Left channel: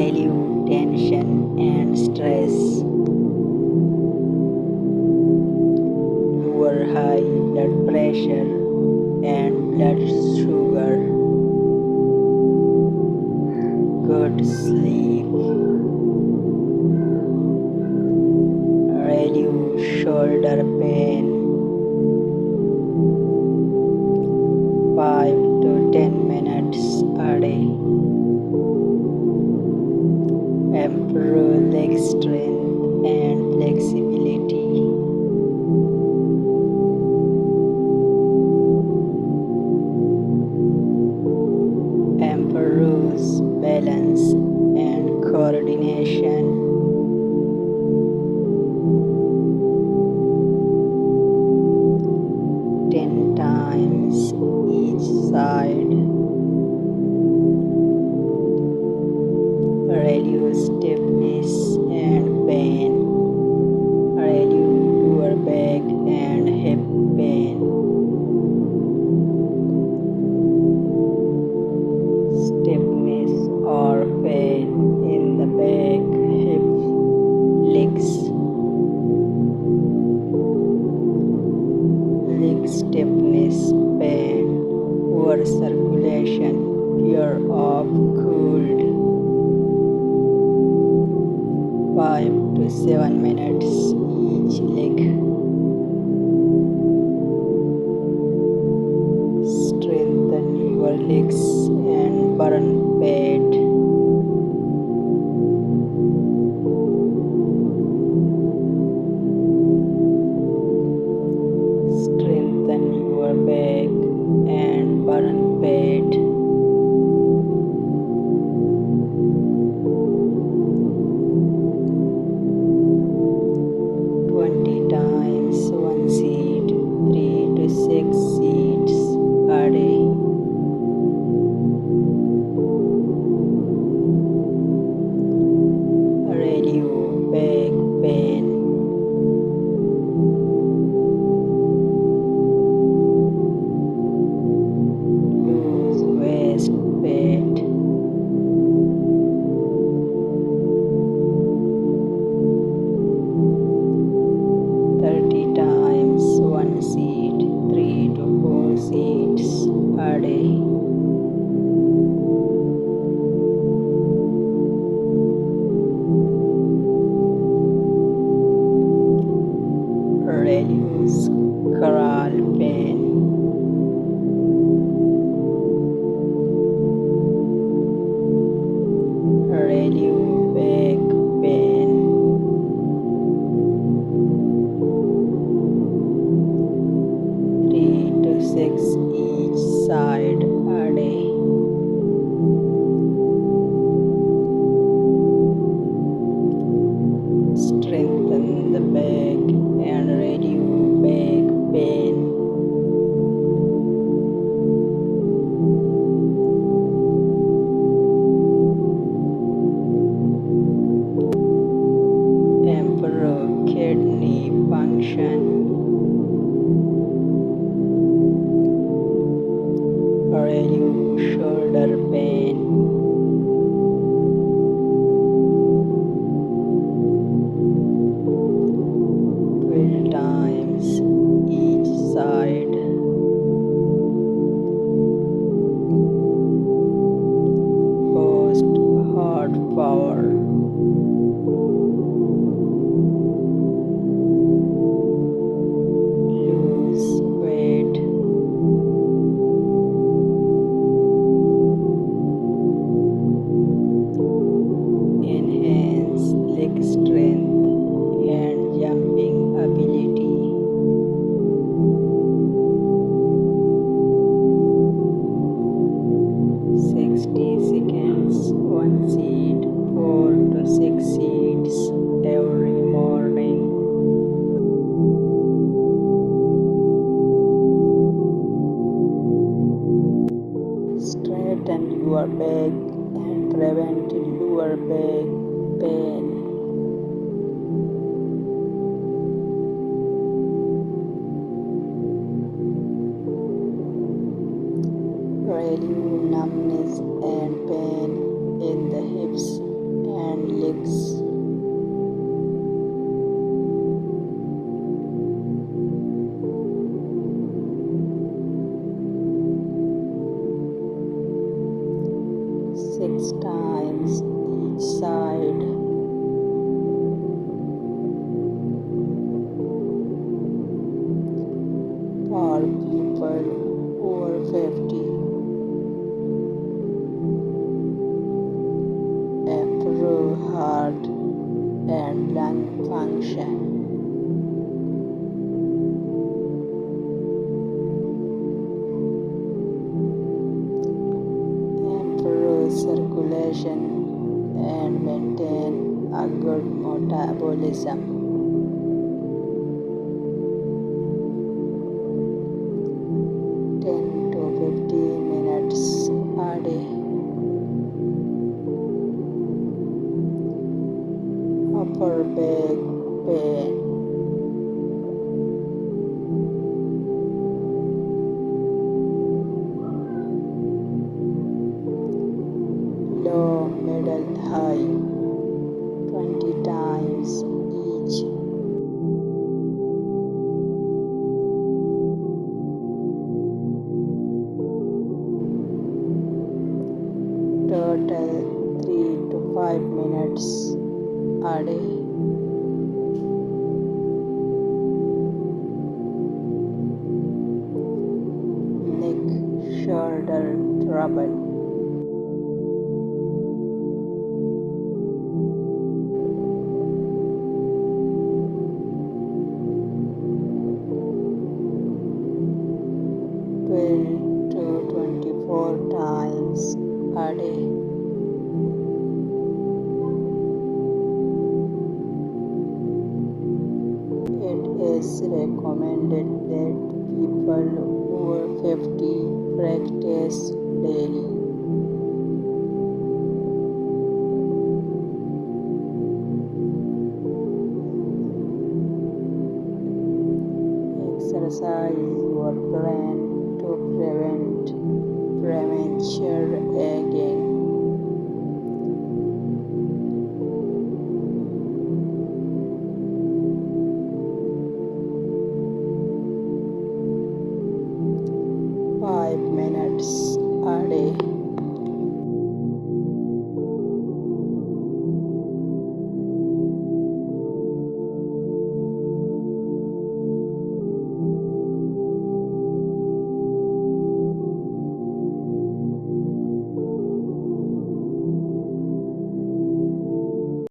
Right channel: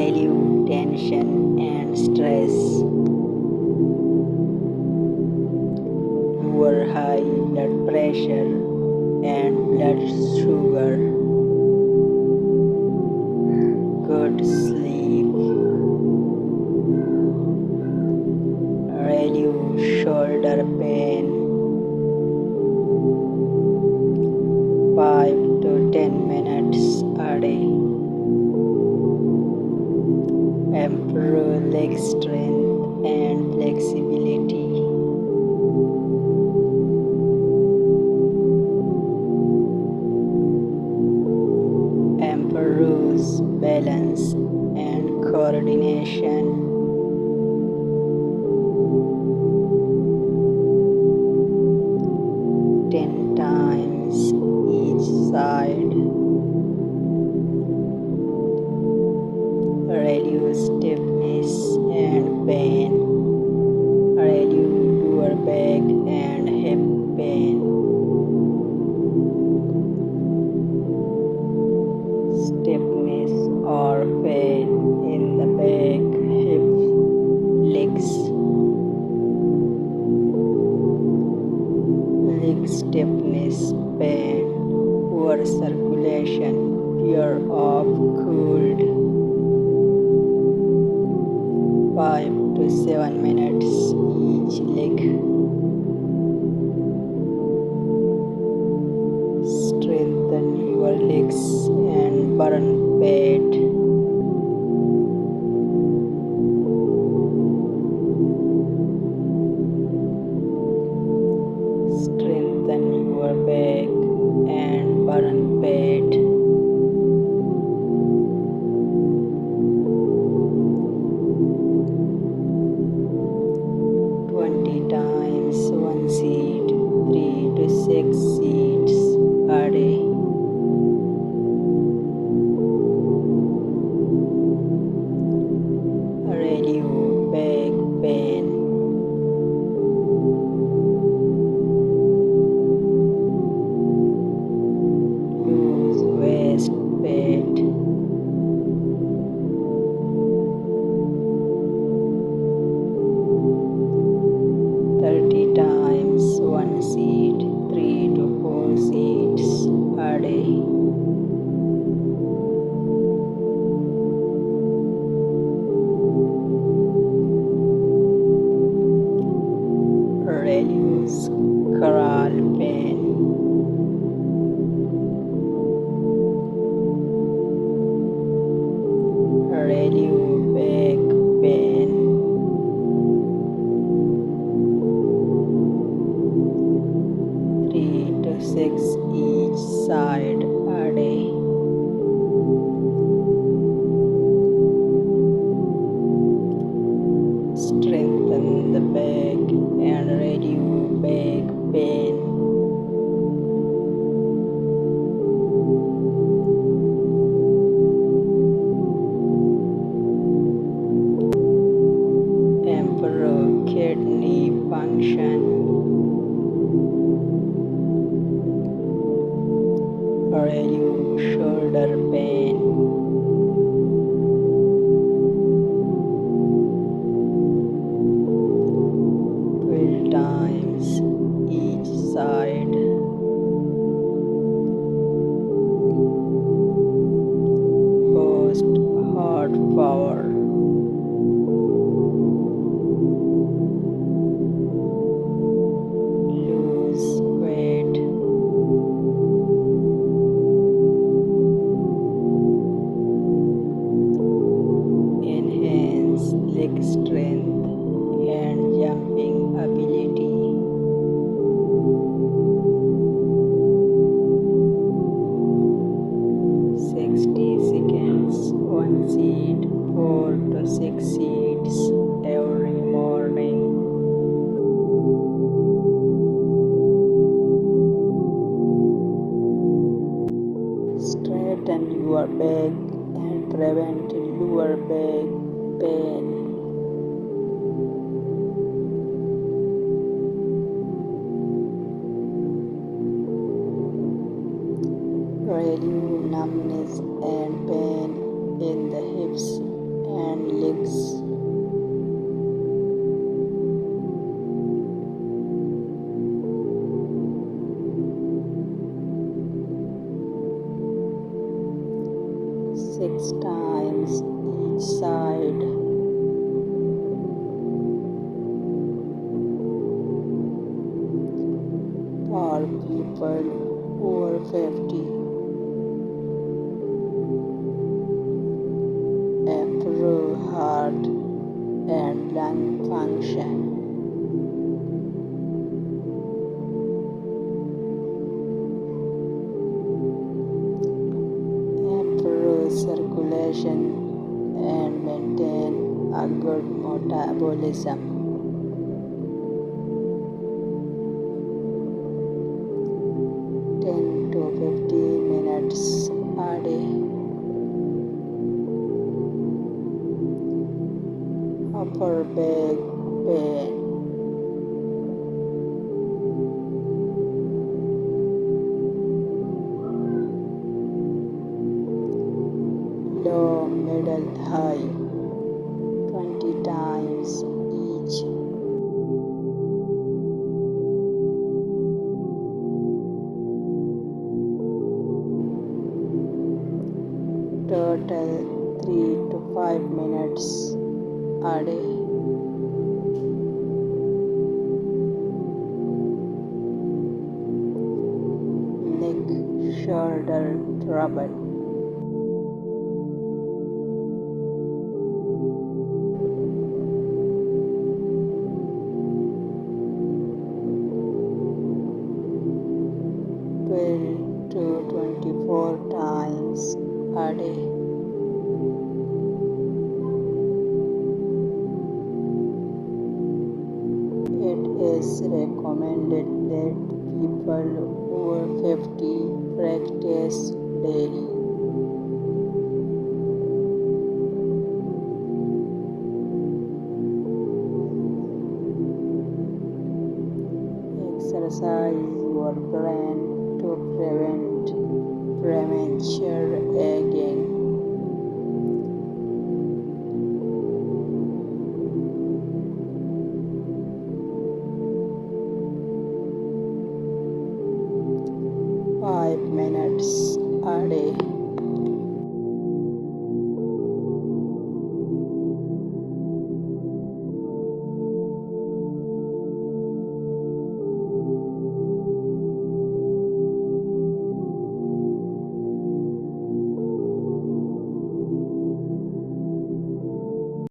relieve tension and stress, lower high blood pressure and blood sugar, good sleep, relieve shoulder pain, 5 to 10 minutes a day, improve leg strength and flexibility, improves balance and coordination, ten times each side, relieve stiffness and pain, relieve lower back and hip pain, stiffness or pain in the back, hips, legs, leg stiffness, pain, poor circulation, fear of cold, 5 to 7 minutes each leg, strengthen your legs and burn fat, strengthen your back and burn fat, times one seed, 3 to 6 seeds a day. Relieve back pain, lose waist fat, times one seed, 3 to 4 seeds a day. Relieves Sacral pain, relieve back pain, to 6 each side a day. Strengthen the back and relieve back pain. Improve kidney function. Relieve shoulder pain, times each side, boost heart power, lose weight, enhance leg strength and jumping ability, 60 seconds, one seed, 4 to 6 seeds every morning. Straighten your back and prevent lower back pain. Relieve numbness and pain in the hips. 6 times each side. For people over 50, improve heart and lung function. Improve circulation and maintain a good metabolism. 10 to 15 minutes a day. Upper back pain. Low, middle, high. 20 times each. Total 3 to 5 minutes a day. Neck, shoulder trouble. To 24 times a day. It is recommended that people over 50 practice daily. Exercise your brain to prevent premature aging.